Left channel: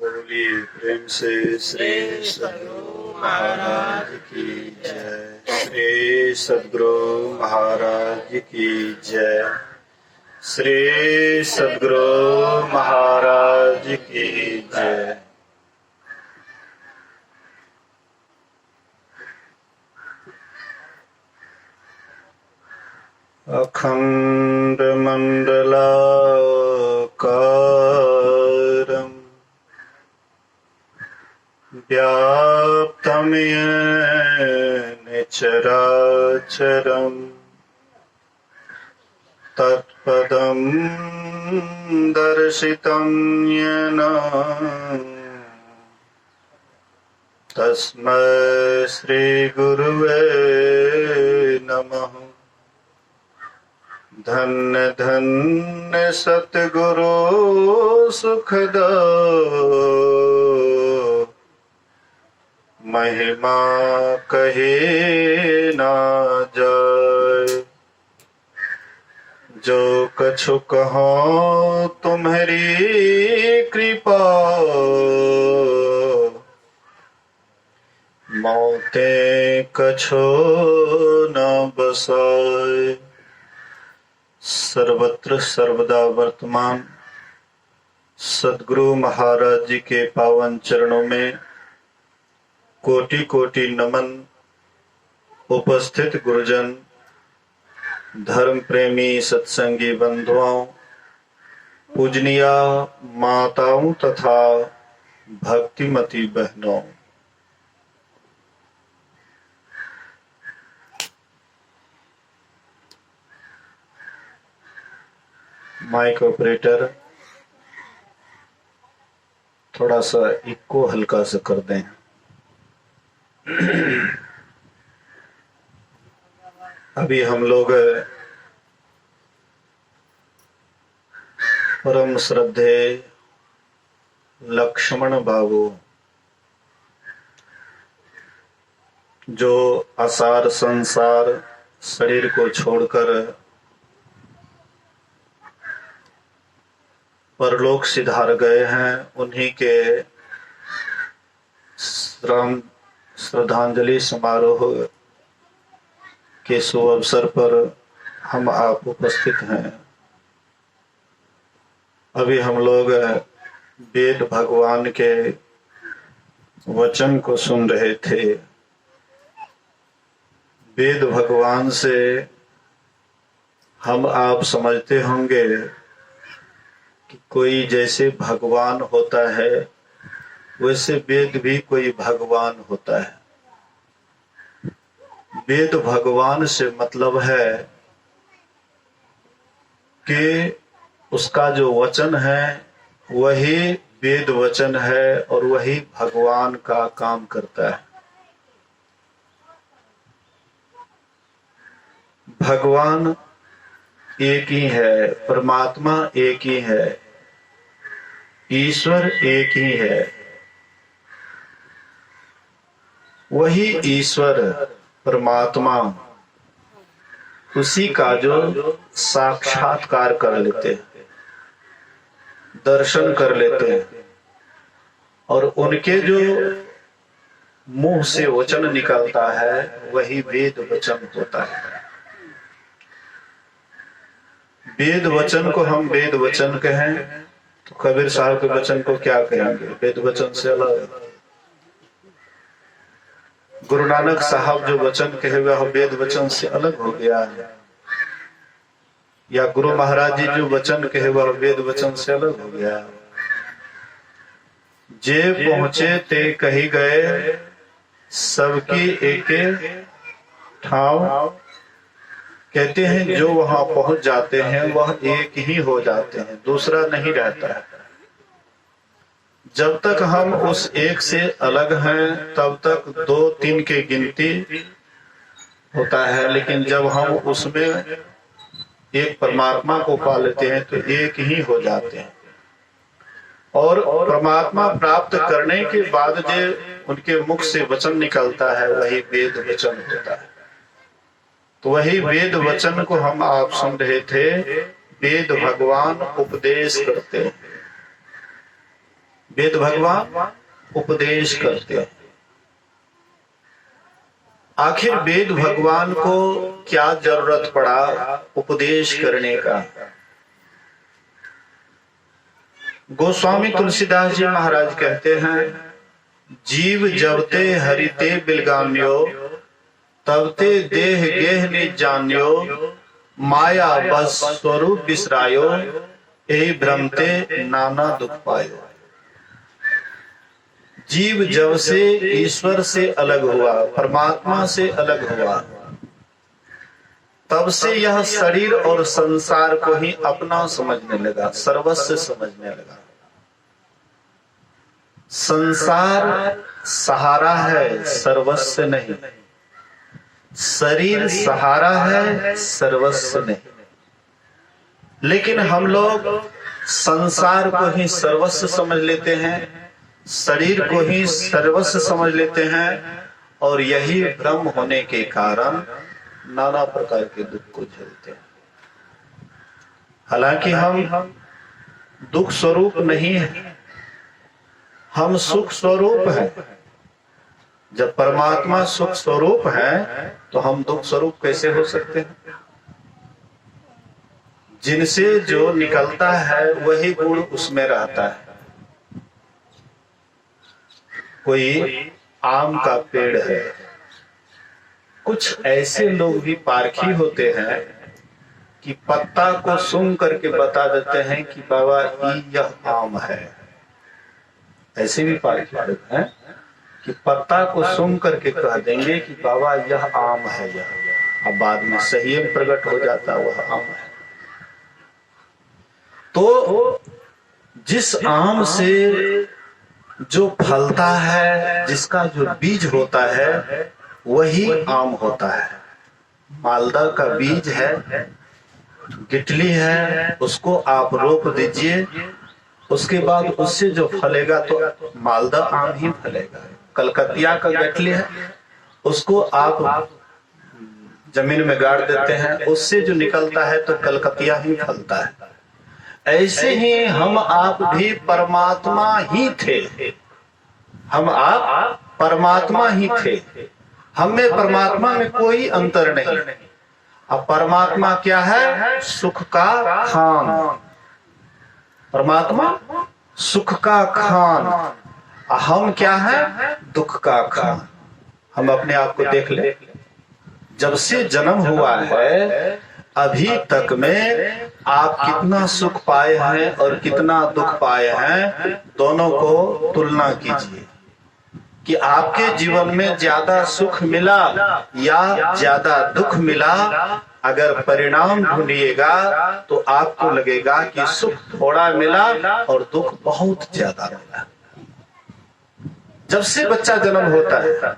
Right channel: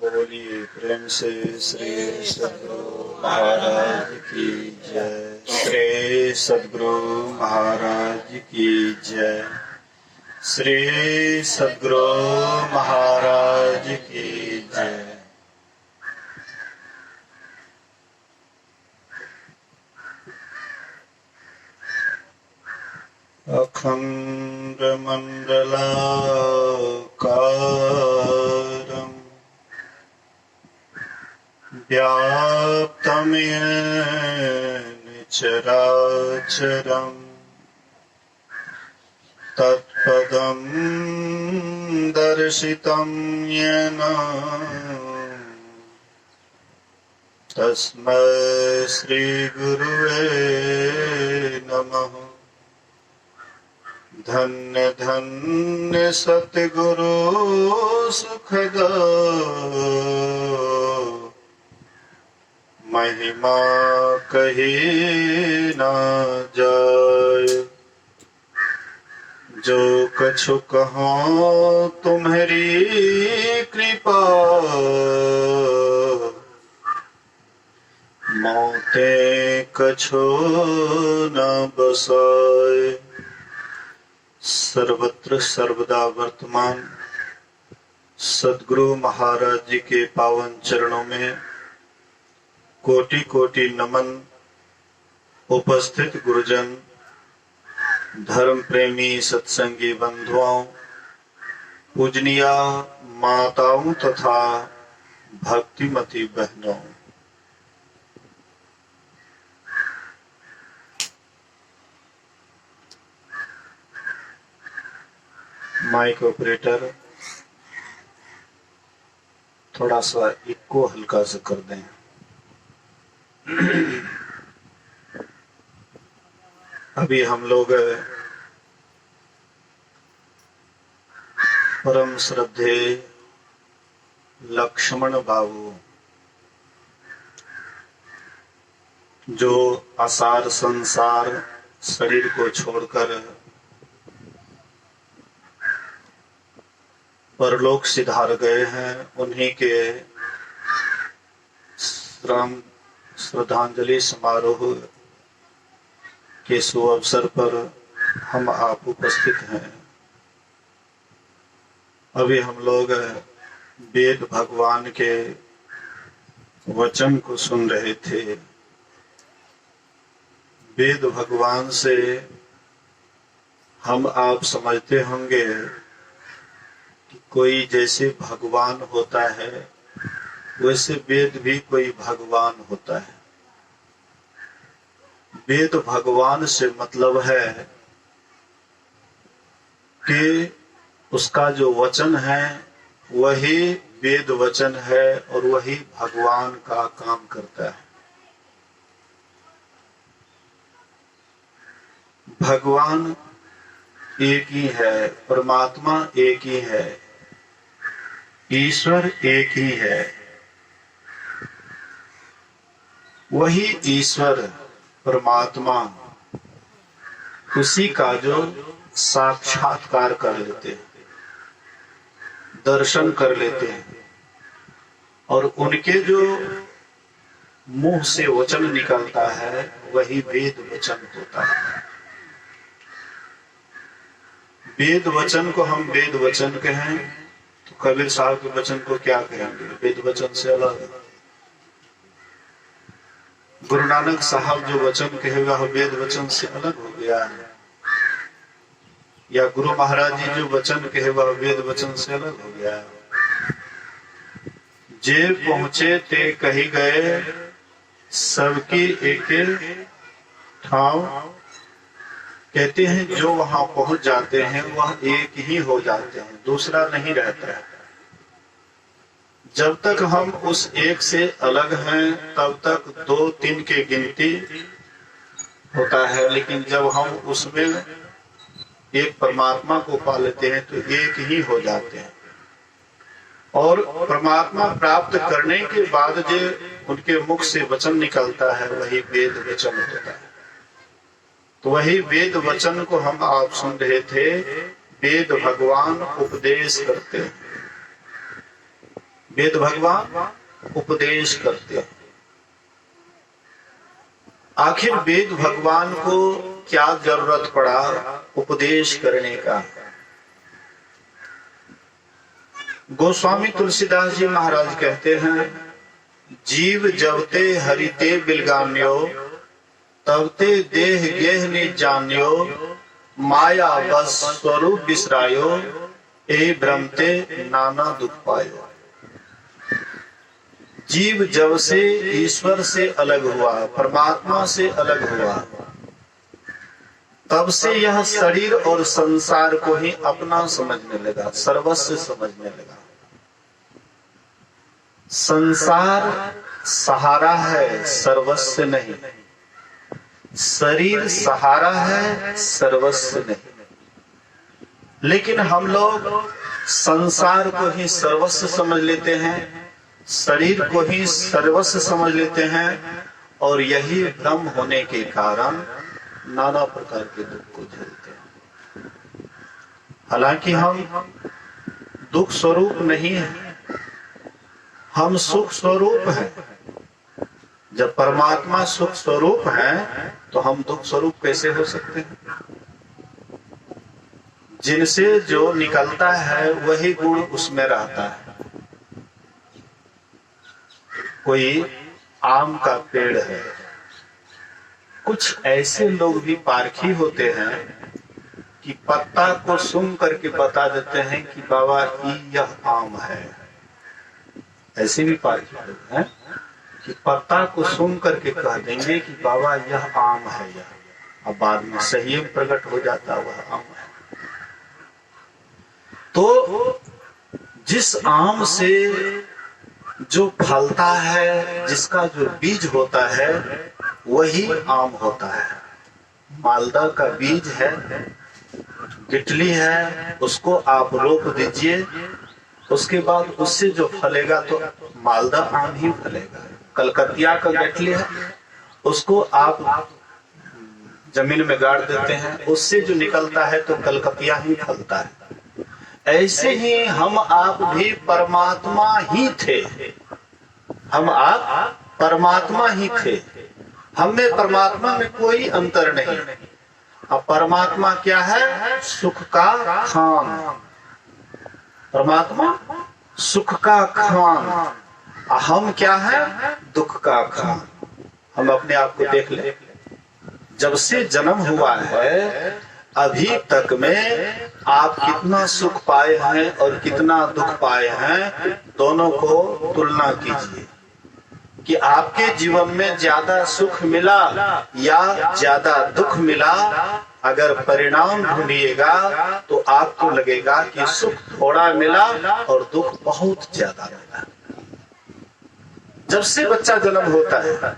बोलिए प्रेम से श्री सद्गुरु महाराज की जय। श्री सद्गुरु महाराज की जय। श्री सद्गुरु महाराज की जय। अखंड मंडलाकारं व्याप्तं येन चराचरं तत्पदं दर्शितं येन तस्मै श्री गुरुवे नमः। धन्य धन्य सतगुरु सुखदा महिमा कही ना जाए। जो कछु कहो तुम्हारी कृपा मौते कछु न बसाए। सर्वत्र सर्वदा वर्तमान सद्गुरु महाराज जी के पावन चरणों में कोटि कोटि नमन। उपस्थित गुरुजन, धर्म प्रेमी सत्संगी बंधुओं, पूजनीय माताओं तथा भक्तिमती बहनों, माइक ऑपरेटर थोड़ा सा इको हल्का सा कर दें। अभी हम लोग परम श्रद्धे लक्ष्मण बाबू जो आसार संसार शरीर को छोड़कर परलोक सिधार गए हैं, उन्हीं के श्रद्धांजलि समारोह के शुभ अवसर पर हम आप उपस्थित हैं। अभी हम लोग वेद भगवान के वचन को सुन रहे थे। वेद भगवान से हम आप समझते होंगे कि कोई जैसे भगवान होता है वैसे वेद भी कोई भगवान होता है। वेद भगवान से मतलब है कि उसका जो वचन है वही वेद वचन है और वही भगवान का काम करता है। भगवान एक ही है, परमात्मा एक ही है, ईश्वर एक ही है। वही ईश्वर परमात्मा उसी का जो साक्षात्कार कर लेते हैं, दर्शन कर लेते हैं और उनके जो मुंह से वचन निकलता है वही वेद वचन होता है। वेद वचन को हम वेद वचन कहें तो कबीर साहब के वचन को क्या कहेंगे? वेद वचन से अलग। गुरु नानक साहब जो वचन कहे वह वेद वचन से अलग हो गया है, या गुरु महाराज जी जो वचन कहे वह वेद वचन से अलग हो गया है। जे पहुंचे ते कही गए, सबकी एक ठाव। कहते हैं जो वहां पहुंच जाते हैं वह एक ही हो जाते हैं, दूसरा नहीं रहता है। जब तक हम उस एक से अलग हैं तब तक दो तीन की गिनती होता है, लेकिन जब हम उसमें एक परमात्मा को पा लेते हैं तो एक ही हो जाते हैं। और परमात्मा प्राप्त करने के बाद जो उनके मुख से वचन निकलता है वही वेद वचन होता है। तो वही वेद वचन को हम आप सुन रहे थे। वेद भगवान उपदेश करते हैं। वेद भगवान उपदेश करते हैं। आखिर वेद भगवान को क्या जरूरत पड़ा उपदेश करने का? गोस्वामी तुलसीदास जी महाराज कहते हैं, जीव जबते हरिते बिलगान्यो तबते देह गेह नि जान्यो माया बस स्वरूप बिसरायो ए भ्रमते नाना दुख पायो। जीव जब से ईश्वर से अलग हुआ, परमात्मा से अलग हुआ, तब से यह शरीर और संसार को ही अपना समझने लगा, सर्वस्व समझने लगा। संसार सहारा है, सर्वस्व नहीं। शरीर सहारा है, सर्वस्व नहीं। लेकिन हम लोग संसार को ही सर्वस्व समझ लेते हैं, शरीर को ही सर्वस्व समझ लेते हैं, और यही भ्रम होने के कारण नाना प्रकार के दुख को झेलते हैं। हालांकि हम दुख स्वरूप नहीं है, हम सुख स्वरूप हैं। जब परमात्मा सुख स्वरूप है तो हम दुख स्वरूप कैसे हो सकते हैं? जिनसे जो निकलता है वही गुण उसमें रहता है। कोई आम का पेड़ है, कुछ ऐसे लोग भी पारखी होते हैं कि पत्ता को सूंघ करके बता देते हैं कि बाबा यह आम है। ऐसे भी पारखी लोग हैं कि पत्ता को सूंघ करके कह देंगे कि बाबा यह आम है, यह। अब बाद में सही में प्रकट हो जाता वह आम है। तो जिस आम से जो फलता है, जिसका जो बीज होता है, वही आम होता है। मालदा का बीज है, गिटली है, उसको आप रोप दीजिए, उसके बाद उससे जो फलेगा तो मालदा आम ही फलेगा। कलकतिया का गिटली है, उसको आप जमीन में गाड़ देते हैं, उससे जो निकलता है तो कलकतिया ही फलता है। ऐसे ही हम आप भी परमात्मा ही थे, हम आप परमात्मा ही थे। हम में परमात्मा में कोई अंतर नहीं। अब परमात्मा क्या है? सुख का खान। परमात्मा सुख का खान, हम क्या है? दुख का खान। हम अपने आप को देख ले, जब से जन्म हुआ है अभी तक में आप कितना सुख पाए हैं और कितना दुख पाए हैं, दोनों को तुलना कीजिए कि आपके जीवन में ज्यादा सुख मिला या ज्यादा दुख मिला। अगर परिणाम ढूंढिएगा तो आपको लगेगा कि सुख थोड़ा मिला और दुख बहुत ज्यादा मिला। जब से बच्चा जन्म होता है,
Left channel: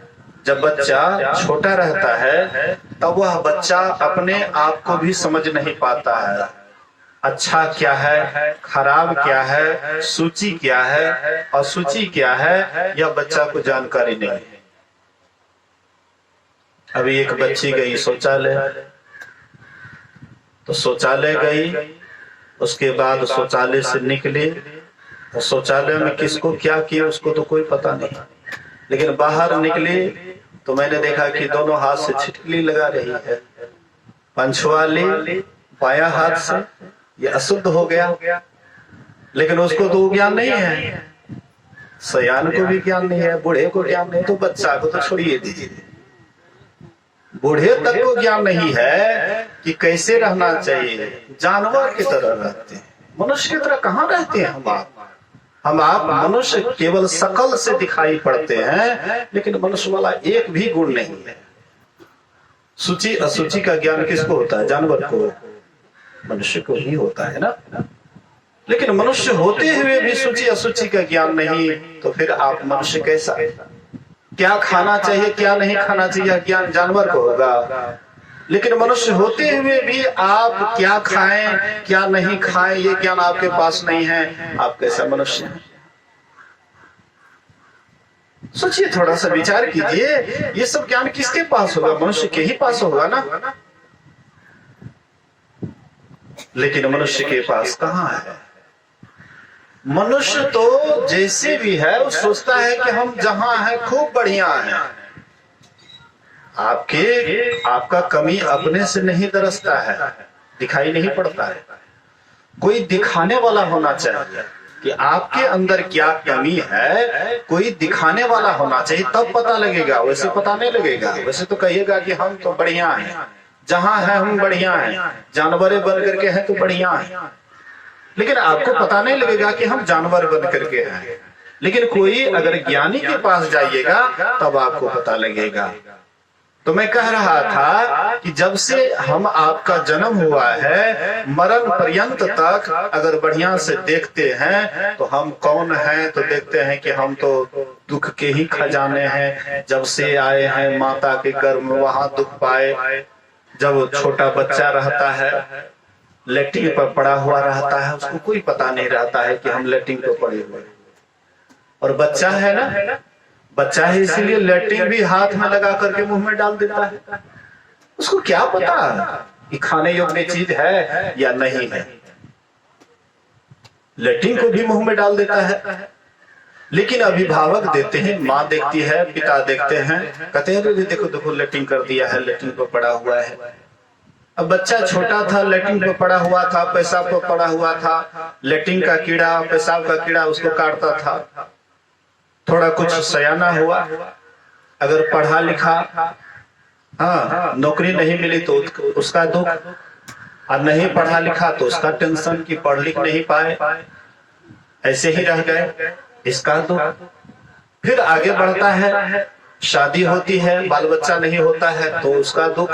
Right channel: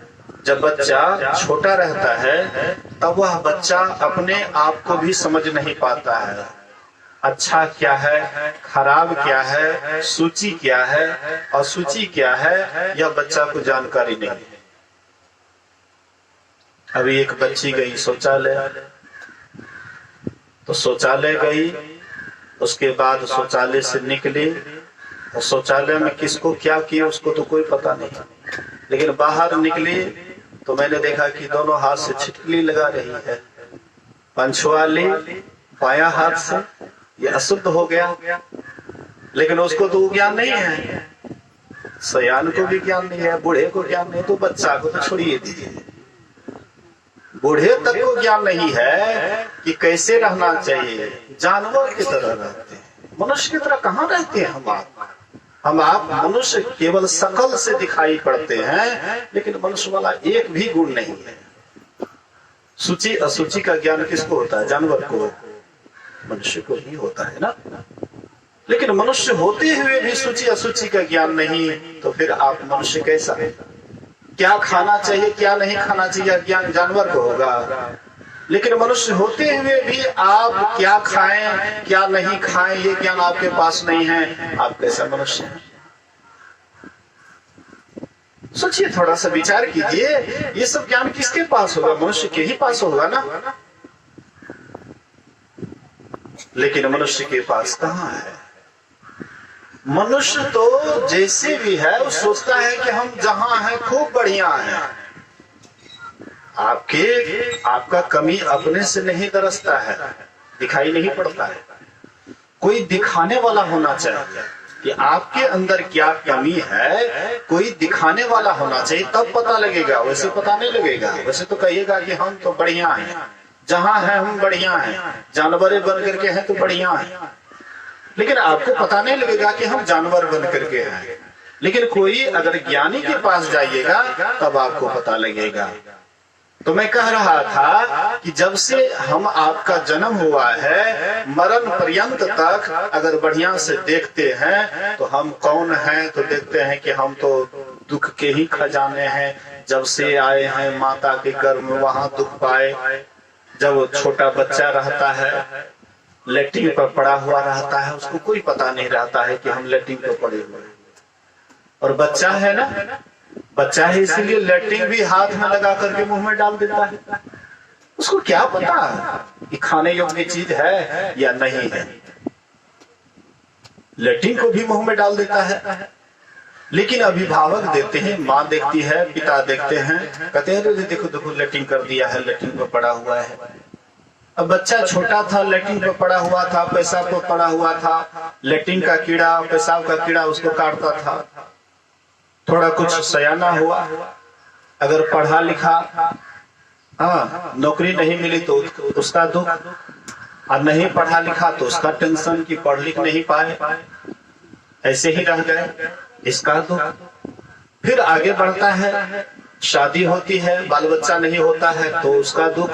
जब बच्चा छोटा रहता है, तब वह बच्चा अपने आप को भी समझ नहीं पाता है। अच्छा क्या है, खराब क्या है, सूची क्या है, असूची क्या है, यह बच्चा को जानकारी नहीं है। अभी एक बच्ची गई शौचालय, तो शौचालय गई, उसके बाद शौचालय से निकली, और शौचालय में किसको क्या किया उसको तो कोई पता नहीं। लेकिन बाहर निकली तो मैंने देखा कि दोनों हाथ से छिटकली लगा रही है। पंछुआली बायां हाथ से, ये अशुद्ध हो गया। लेकिन उसको तो ज्ञान नहीं है, सयान को भी ज्ञान नहीं है, बूढ़े को ज्ञान नहीं, तो बच्चा को तो छोड़िए दीजिए। बूढ़े तक को ज्ञान नहीं है कि कैसे रहना चाहिए। जानवर की तरह रहते हैं, मनुष्य की तरह कहाँ रहते हैं हम आप मनुष्य केवल शकल से दिखाई पड़ते हैं, लेकिन मनुष्य वाला एक भी गुण नहीं है। सूची असूची का ज्ञान किसको होता है? जानवर को, मनुष्य को ही होता है ना। लेकिन मनुष्य होते हुए भी सूची असूची का ज्ञान नहीं, तो फिर आप मनुष्य कैसा? क्या खाना चाहिए क्या नहीं खाना चाहिए ज्ञान जानवर को होगा, लेकिन मनुष्य होते हुए भी आप क्या खाएं क्या नहीं खाएं ये ज्ञान आपके पास नहीं है। आप कैसा मनुष्य हैं? सोचिए, थोड़ा सा विचार कीजिए, ये सब ज्ञान किसके पास होगा? मनुष्य के ही पास होगा ना। लेकिन मनुष्य के पास कहाँ है? मनुष्य तो जैसे भी है वो सोचता है कि हम जहां हैं खूब बढ़िया हैं। आपका कमी अपने से नहीं दरसता है, दिखाई नहीं पड़ता है। कोई दिखाने वाला होना चाहिए कि आपके अंदर क्या कमी है, कोई दिखाने वाला होना चाहिए, तब पता लगेगा। वैसे पता नहीं लगेगा। वैसे तो कहिएगा कि हम तो बढ़िया हैं, जहां हैं हम बढ़िया हैं, जानवरें बन करके हैं तो बढ़िया हैं, लेकिन आपको पता नहीं लगेगा कि हम जानवर बन करके हैं। लेकिन कोई अगर ज्ञानी के पास जाइएगा तब आपको पता लगेगा। तो मैं कह रहा था कि जब से हम आपका जन्म हुआ है, मरण पर्यंत तक अगर बढ़िया से देखते हैं तो हम कौन हैं, तो देखते हैं कि हम तो दुख के ही खजाने हैं। जब से आए हैं माता के गर्भ में वहां दुख पाए। जब वो छोटा बच्चा रहता है, लेटरिन पर पड़ा हुआ रहता है, उसको कोई पता नहीं रहता है कि हम लेटरिन पर पड़े हुए हैं। और बच्चा है ना, बच्चा है इसीलिए लेटरिन भी हाथ में लगा करके मुंह में डाल देता है। उसको क्या पता कि खाने योग्य चीज है या नहीं है। लेटरिन को भी मुंह में डाल देता है। लेकिन अभिभावक देते हैं, माँ देखती है, पिता देखते हैं, कहते हैं देखो देखो लेटरिन कर दिया है, लेटरिन पर पड़ा हुआ है। अब बच्चा छोटा था, लेटरिन पर पड़ा हुआ था, पेशाब पर पड़ा हुआ था, लेटरिन का कीड़ा, पेशाब का कीड़ा उसको काटता था। थोड़ा कुछ सयाना हुआ, अगर पढ़ा लिखा, नौकरी नहीं मिली तो उसका दुख, और नहीं पढ़ा लिखा तो उसका टेंशन कि पढ़ लिख नहीं पाए, ऐसे ही रह गए, इसका दुख। फिर आगे बढ़ता है, शादी होती है, बाल बच्चा नहीं होता है तो उसका दुख।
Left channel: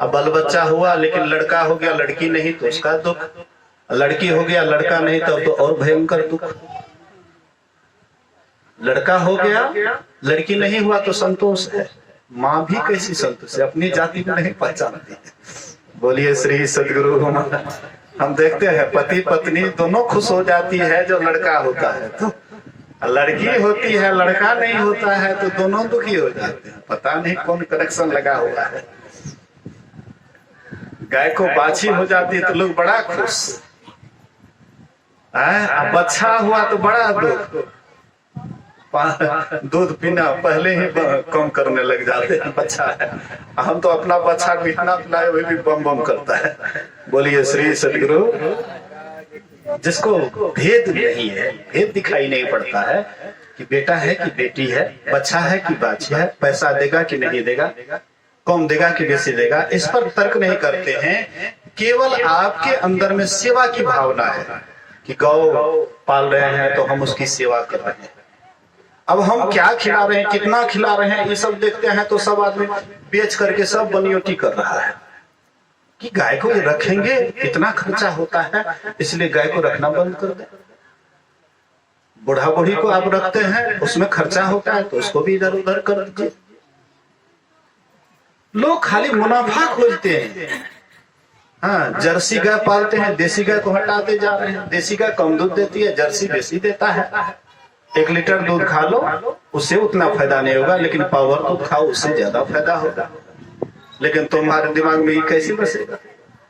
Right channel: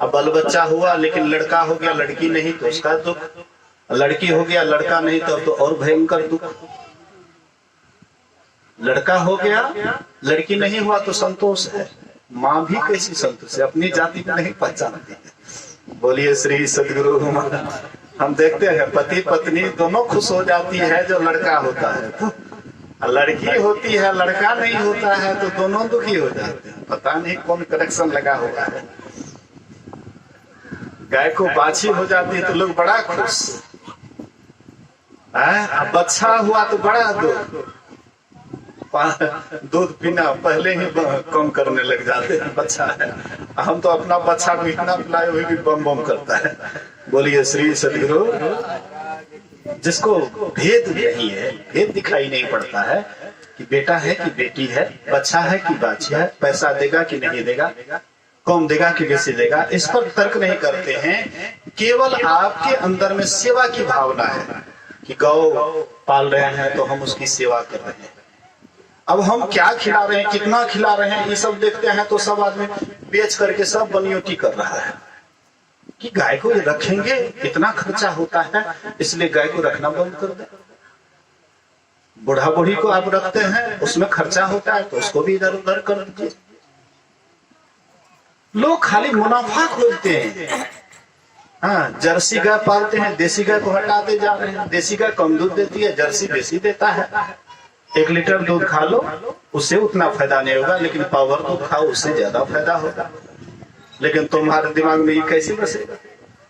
अब बाल बच्चा हुआ लेकिन लड़का हो गया, लड़की नहीं तो उसका दुख। लड़की हो गया, लड़का नहीं तो और भयंकर दुख। लड़का हो गया, लड़की नहीं हुआ तो संतोष है। माँ भी कैसी संतोष है, अपनी जाति में नहीं पहचानती है। बोलिए श्री सदगुरु महाराज। हम देखते हैं पति पत्नी दोनों खुश हो जाती है जो लड़का होता है, तो लड़की होती है लड़का नहीं होता है तो दोनों दुखी हो जाते हैं। पता नहीं कौन कनेक्शन लगा हुआ है। गाय को बाछी हो जाती है तो लोग बड़ा खुश, अब बच्चा हुआ तो बड़ा दुख। दूध पीना पहले ही कम करने लग जाते हैं, बच्चा है। हम तो अपना बच्चा को इतना पिलाए हुए भी बम बम करता है। बोलिए श्री सदगुरु। जिसको भेद नहीं है, भेद दिखाई नहीं पड़ता है कि बेटा है कि बेटी है, बच्चा है कि बाछी है, पैसा देगा कि नहीं देगा, कम देगा कि बेसी देगा, इस पर तर्क नहीं करते हैं। केवल आपके अंदर में सेवा की भावना है कि गौ पाल रहे हैं तो हम उसकी सेवा कर रहे हैं। अब हम क्या खिला रहे हैं, कितना खिला रहे हैं, ये सब देखते हैं तो सब आदमी बेच करके सब बनियोटी कर रहा है कि गाय को ये रखेंगे, इतना खर्चा होता है, इसलिए गाय को रखना बंद कर दे। बूढ़ा बूढ़ी को आप रखते हैं, उसमें खर्चा होता है तो उसको भी इधर उधर कर दीजिए। लोग खाली मुनाफा खोजते हैं। हाँ, जर्सी गाय पालते हैं, देसी गाय को हटाते जा रहे हैं। देसी गाय कम दूध देती है, जर्सी बेसी देता है। 1 लीटर दूध खा लो, उससे उतना फायदा नहीं होगा, लेकिन पावर दूध खाओ, उससे ज्यादा फायदा होगा। लेकिन तुम्हारे दिमाग में ये कैसे बसेगा?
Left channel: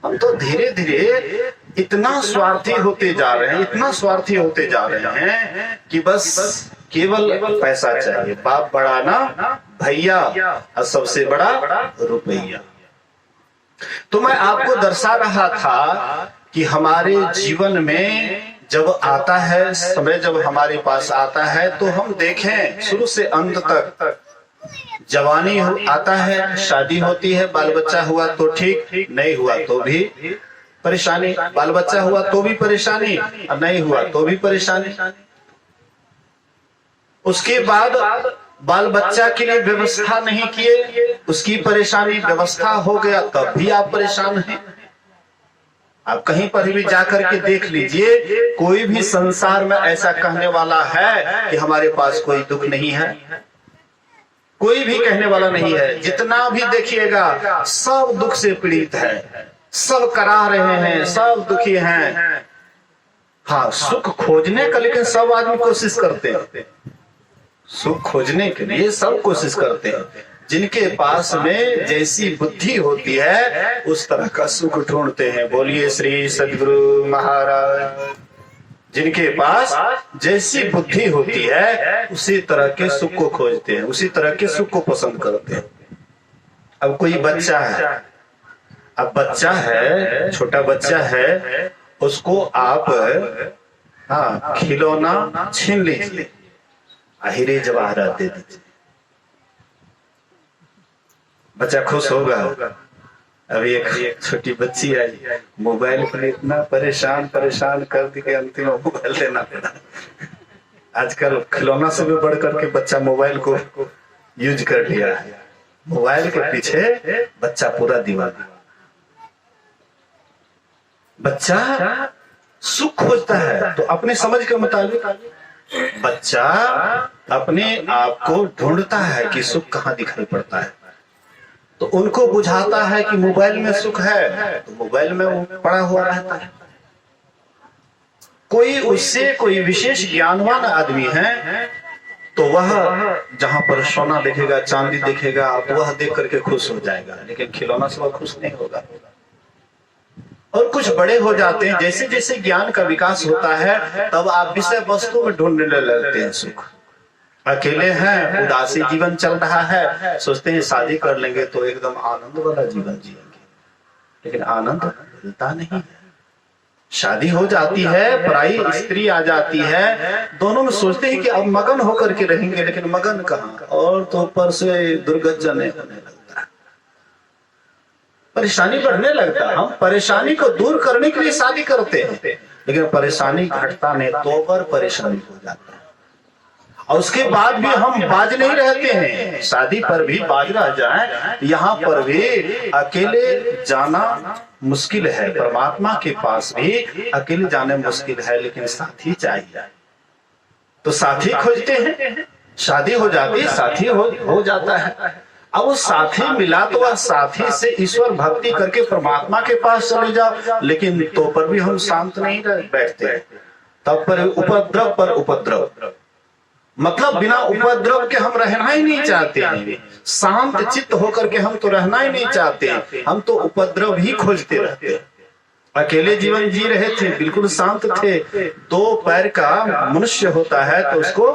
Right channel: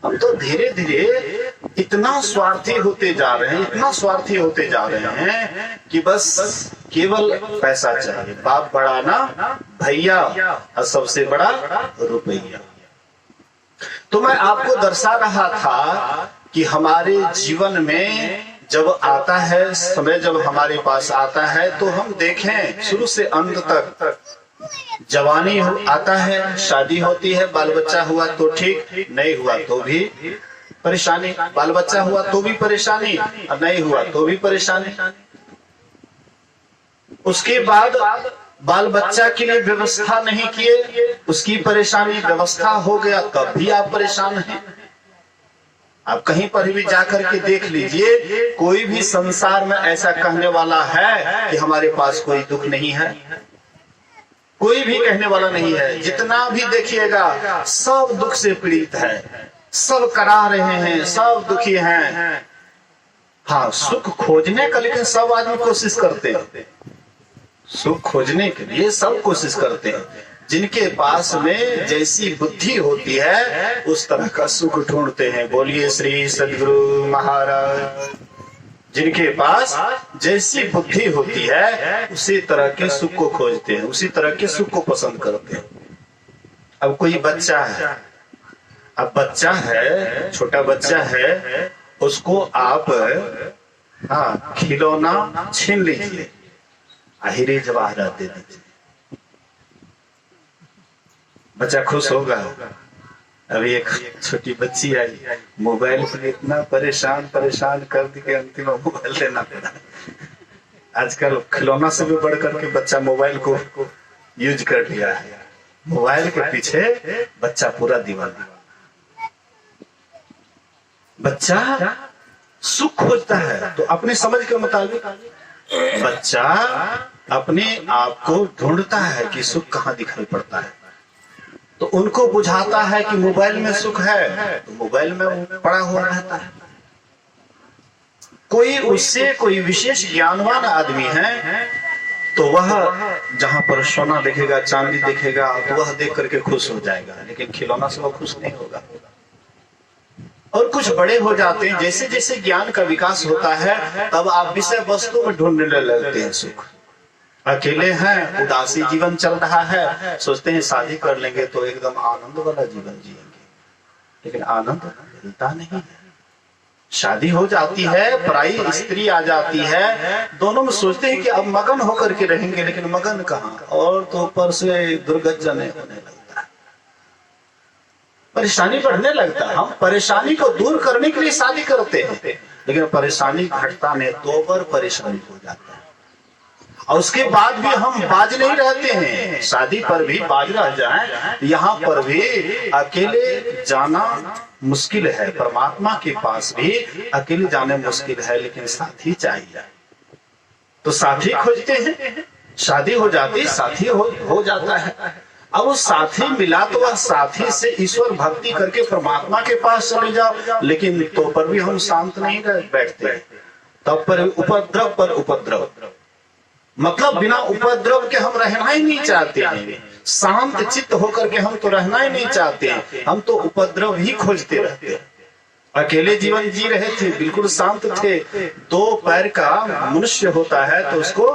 हम तो धीरे धीरे इतना स्वार्थी होते जा रहे हैं, इतना स्वार्थी होते जा रहे हैं कि बस केवल पैसा चाहिए। बाप बड़ा ना भैया, और सबसे बड़ा रुपया। तो मैं आपको दर्शा रहा था कि हमारे जीवन में जब आता है समय, जब हमारे पास आता है तो हम देखें शुरू से अंत तक। जवानी आता है, शादी होती है, बाल बच्चा हुआ तो ठीक, नहीं हुआ तो भी परेशानी। बाल बच्चा हुआ तो भी परेशानी, और नहीं हुआ तो भी परेशानी। उसके बाद बाल बच्चा के लिए व्यवस्था नहीं किए, उसकी परेशानी। व्यवस्था हो गया तब भी आप परेशान हैं। आप कहीं पर भी जाकर के देख लीजिए, कोई भी संसार में ऐसा कहने वाला है कि हमारे पास कोई दुख नहीं है? कोई भी कहने वाला नहीं है। जितना भी देखिएगा सब दुख से पीड़ित है, सब करा रहे हैं, सब दुखी हैं। हाँ, सुख खोजने का लेकिन सब आदमी कोशिश करते हैं। सुख खोजने के लिए सब कोशिश करते हैं। जिनके पास में जैसी बुद्धि होती है उस तरह का सुख ढूंढते हैं। बोलिए श्री सदगुरु महाराज। जिनके पास जैसी बुद्धि होती है उसी तरह के सुख को खोजते हैं, उसी तरह के सुख को पसंद करते हैं। अब कोई बच्चा है, अब बच्चा है, छोटा बच्चा है, उसको आप खिलौना छीन लीजिए, हीरे जवाहरात दे दीजिए, बच्चा खुश होगा। अभी एक छोटी बच्ची आई, मोबाइल पर इतना परेशान कर दी कि अंतिम मोबाइल लेना पड़ा। आजकल खिलौना से भी बढ़ करके बच्चा मोबाइल को यूज कर लिया है। मोबाइल के पीछे बच्चा पूरा दीवाना। बच्चा सुख खोजता है तो अपने समझ के मुताबिक बच्चा अपने आप को ढूंढता है कि सुख कहाँ दिखाई पड़ता है। तो उनको बुझाता है कि मोबाइल में सुख है, तो मोबाइल में वो पड़ा हुआ रहता है। कोई उससे कोई विशेष ज्ञानवान आदमी है तो वह जहां पर सोना देखेगा, चांदी देखेगा, तो वह देख करके खुश हो जाएगा, लेकिन खिलौना से वह खुश नहीं होगा। और कुछ बड़े हो जाते हैं, जैसे जैसे ज्ञान का विकास होता है तब आप विषय वस्तु में ढूंढने लगते हैं सुख। अकेले हैं, उदासी जीवन चल रहा है, सोचते हैं शादी कर लेंगे तो एकदम आनंद वाला जीवन जिएंगे, लेकिन आनंद मिलता नहीं है। शादी हो जाती है, पराई स्त्री आ जाती है, दोनों में सोचते हैं कि अब मगन होकर के रहेंगे, लेकिन मगन कहाँ, और तो ऊपर से दुर्गत जने होने लगता है, परेशानी बढ़ने लगता है। हम परेशानी को दूर करने के लिए शादी करते हैं, लेकिन परेशानी घटता नहीं तो और परेशानी हो जाती है। और उसके बाद भी हम बाज नहीं रहते हैं, शादी पर भी बाज रह जाएं, यहाँ पर भी अकेले जाना मुश्किल है, परमात्मा के पास भी अकेले जाने मुश्किल है, लेकिन साथी चाहिए। तो साथी खोजते हैं, शादी हो जाती, साथी हो जाता है। अब वो साथी मिला तो वह साथी से ईश्वर भक्ति करके परमात्मा के पास चले जाओ, लेकिन तो पर भी हम शांत नहीं बैठते, तब पर उपद्रव पर उपद्रव, मतलब बिना उपद्रव के हम रहना ही नहीं चाहते हैं। शांत चित्त होकर के हम तो रहना ही नहीं चाहते हैं, हम तो उपद्रव ही खोजते रहते हैं। अकेले जीवन जी रहे थे, बिल्कुल शांत थे। 2 पैर का मनुष्य होता है तो उसको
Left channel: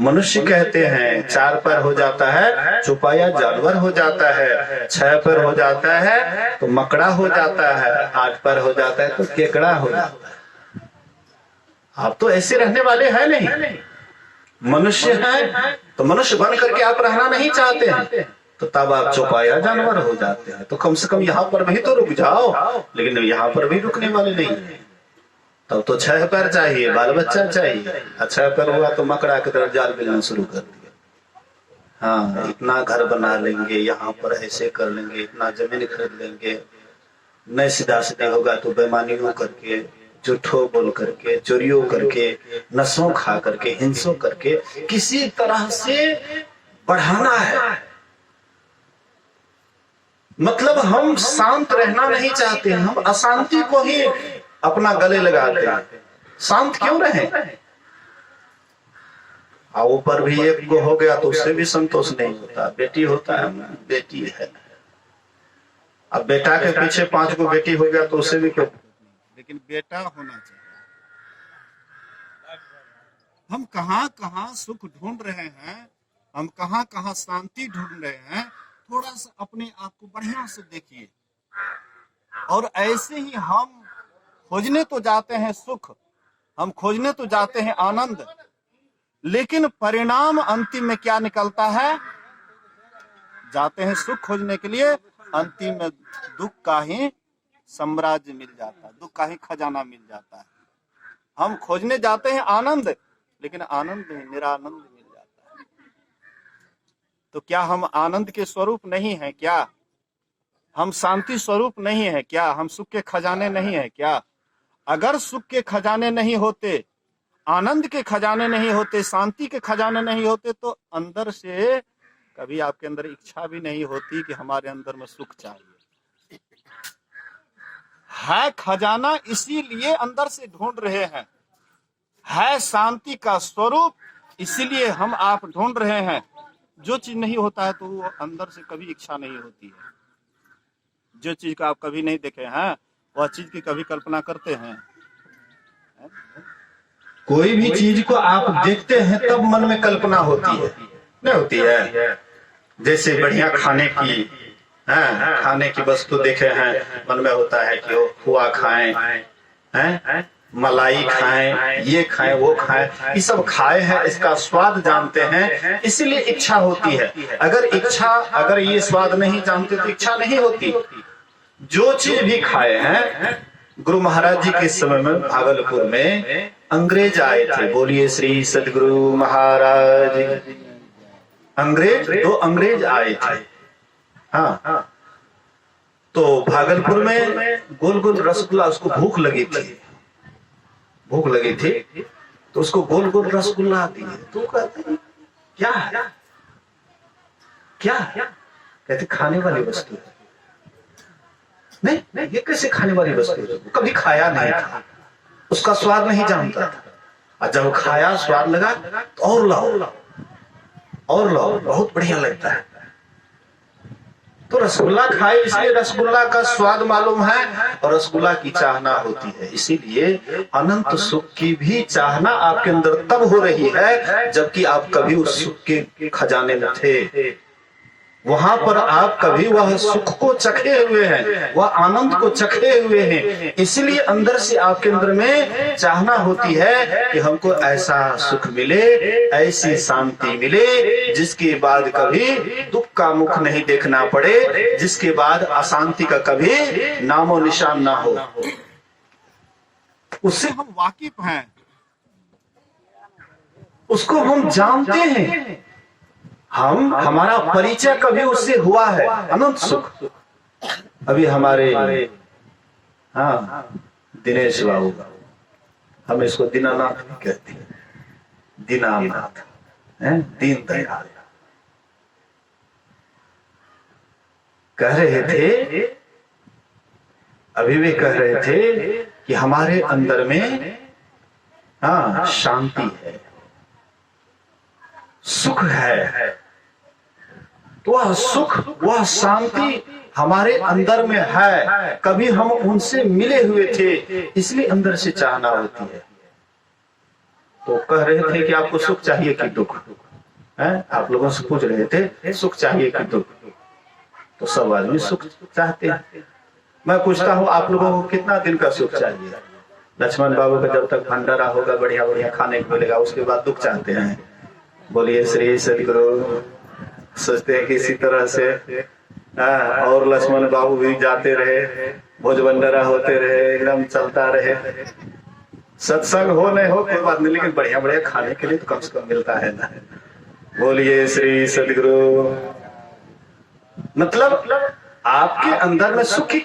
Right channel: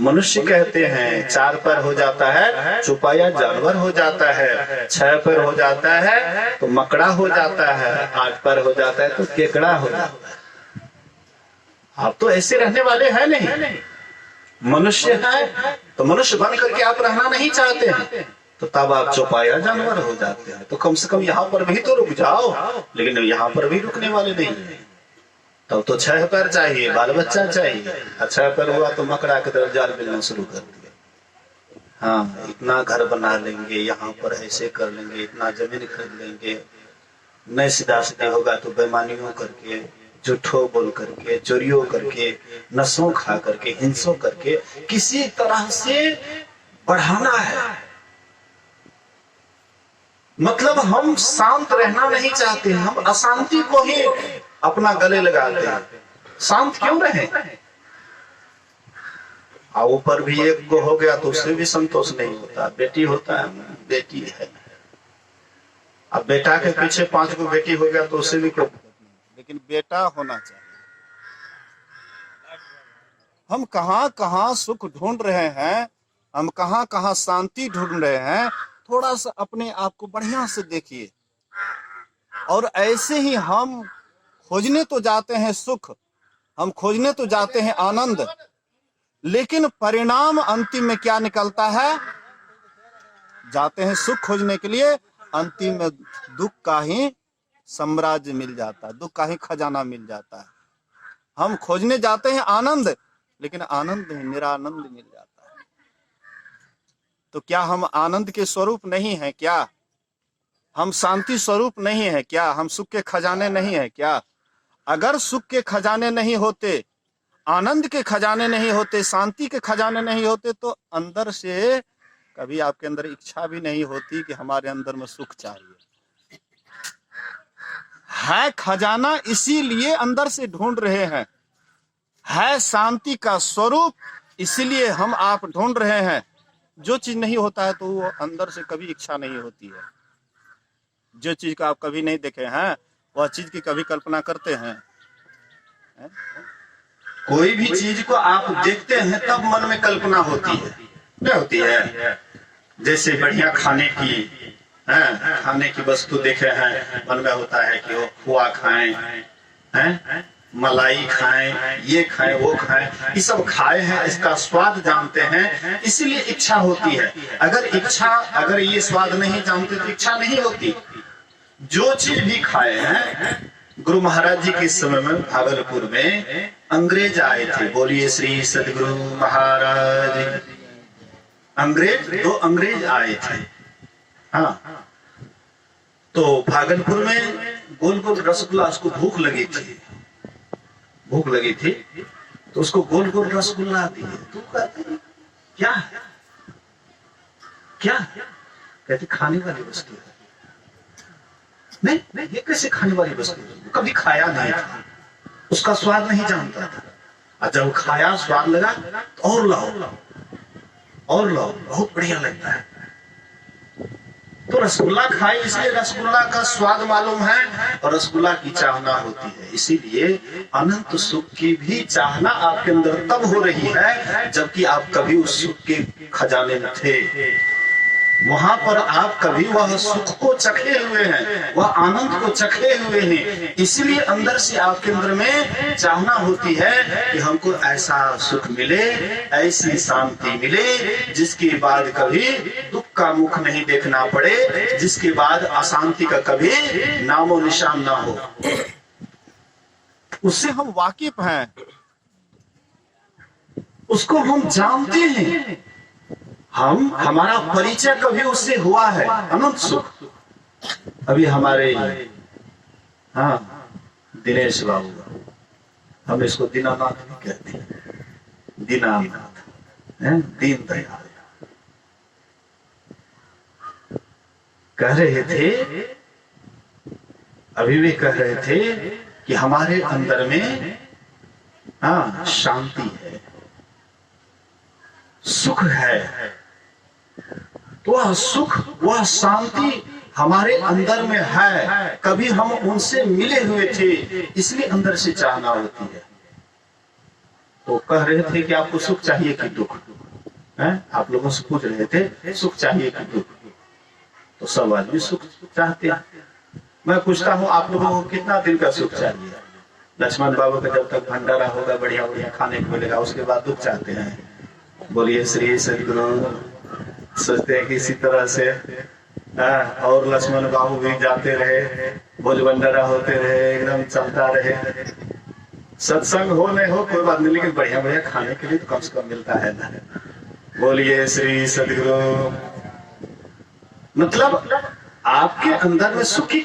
मनुष्य कहते हैं, 4 पैर हो जाता है चौपाया जानवर हो जाता है, 6 पैर हो जाता है तो मकड़ा हो जाता है, 8 पैर हो जाता है तो केकड़ा हो जाता है। आप तो ऐसे रहने वाले हैं नहीं, मनुष्य है तो मनुष्य बन करके आप रहना नहीं चाहते हैं, तो तब आप चौपाया जानवर हो जाते हैं। तो कम से कम यहाँ पर भी तो रुक जाओ, लेकिन यहाँ पर भी रुकने वाले नहीं है। तब तो 6 पैर चाहिए, बाल बच्चा चाहिए। 6 पैर हुआ तो मकड़ा की तरफ जाल मिलना शुरू कर दिए। हाँ, इतना घर बना लेंगे, यहाँ पर ऐसे कर लेंगे, इतना जमीन खरीद लेंगे, नहीं सीधा सीधा होगा तो बेईमानियों करके, झूठो बोल करके, चोरियों करके, नशों खा करके, हिंसों करके किसी तरह से बढ़ाना है। मतलब हम शांत रहना नहीं चाहते, हम अशांति को ही अपना गले लगाते हैं। शांत क्यों रहे? ऊपर भी एक को हो गया तो उससे भी संतोष नहीं होता। बेटी होता है, बेटी है, अब बेटा के पीछे 5 को बेटी हो गया तो उससे भी क्यों, लेकिन बेटा होना चाहिए। हम कहां कहां सुख ढूंढ रहे हैं, हम कहां कहां शांति ढूंढ रहे हैं, थोड़ा सा अपने आप को बढ़िया से देखिए। और ऐसे ही हम खोजने तो जाते हैं सुख, हम खोजने तो जाते हैं आनंद, लेकिन परिणाम अंतिम में क्या निकलता है? जाते हैं सुख खोजने के लिए, अंतिम में दुख का ही साम्राज्य मिल जाता है, दुख का ही खजाना मिल जाता है। हम खोजने जाते हैं आनंद, लेकिन आनंद नहीं, निरानंद मिल जाता है। तो क्या हम आनंद के स्वरूप नहीं है क्या? हम शांति स्वरूप नहीं है क्या? हम सुख के खजाने नहीं है क्या? अगर सुख के खजाने नहीं होते, आनंद के खजाने नहीं होते, शांति के खजाने नहीं होते, तो अंदर से कभी आपके अंदर इच्छा भी नहीं होती कि हमारे अंदर में सुख चाहिए। है खजाना, इसीलिए अंदर से ढूंढ रहे हैं। है शांति का स्वरूप, इसीलिए हम आप ढूंढ रहे हैं। जो चीज नहीं होता है तो वो अंदर से कभी इच्छा नहीं होती है। जो चीज का आप कभी नहीं देखे हैं, वह चीज की कभी कल्पना करते हैं? कोई भी चीज को आप देखते हैं तब मन में कल्पना होती है, नहीं होती है? जैसे बढ़िया खाने की वस्तु देखे हैं, मन में होता है कि वो खोआ खाएं, हैं, मलाई खाएं, ये खाएं, वो खाएं, ये सब खाए हैं, इसका स्वाद जानते हैं, इसीलिए इच्छा होती है। अगर ये स्वाद नहीं जानते तो इच्छा नहीं होती। जो चीज भी खाए हैं, गुरु महाराज जी के समय में भागलपुर में अंग्रेज आए थे। बोलिए श्री सदगुरु महाराज। दो अंग्रेज आए थे। हाँ, तो भागलपुर में गोल गोल रसगुल्ला, उसको भूख लगी थी तो उसको गोल गोल रसगुल्ला दिए। तो कहते क्या कहते खाने वाली वस्तु है। नहीं, ये कैसे खाने वाली वस्तु है? कभी खाया नहीं था, उसका स्वाद नहीं जानता था। और जब खाया, स्वाद लगा तो और लाओ, बहुत बढ़िया लगता है। तो रसगुल्ला खाए, इसलिए रसगुल्ला का स्वाद मालूम है और रसगुल्ला की चाहना होती है। इसीलिए अनंत सुख की भी चाहना आपके अंदर तब हो रही है जबकि आप कभी उस सुख के खजाने में थे। वहां पर आप कभी वह सुख को चखे हुए हैं, वह आनंद को चखे हुए हैं। इसलिए अंदर से आपके अंदर में चाहना होती है कि हमको ऐसा सुख मिले, ऐसी शांति मिले, जिसके बाद कभी दुख का मुख नहीं देखना पड़े, जिसके बाद अशांति का कभी नामो निशान ना हो। उससे हम वाकिफ हैं, उसको हम जानते हैं, हमारा परिचय कभी उससे हुआ है। अनंत सुख। अभी हमारे दिनेश बाबू, हम इसको दीनानाथ भी कहते हैं, दीनानाथ, दीन दयाल, कह रहे थे, अभी भी कह रहे थे कि हमारे अंदर में शांति है, सुख है। वह सुख, वह शांति हमारे अंदर में है। कभी हम उनसे मिले हुए थे, इसलिए अंदर से चाहना होती है। तो कह रहे थे कि आपको सुख चाहिए कि दुख है? आप लोगों से पूछ रहे थे सुख चाहिए कि दुख? तो सब आदमी सुख चाहते हैं। मैं पूछता हूँ आप लोगों को कितना दिन का सुख चाहिए? लक्ष्मण बाबू का जब तक भंडारा होगा, बढ़िया बढ़िया खाने को मिलेगा, उसके बाद दुख चाहते हैं। बोलिए श्री सदगुरु। सोचते हैं कि इसी तरह से और लक्ष्मण बाबू भी जाते रहे, भोज भंडारा होते रहे, एकदम चलता रहे, सत्संग हो नहीं हो कोई बात नहीं, लेकिन बढ़िया बढ़िया खाने के लिए तो कम से कम मिलता है ना। बोलिए श्री सदगुरु। मतलब आपके अंदर में सुखी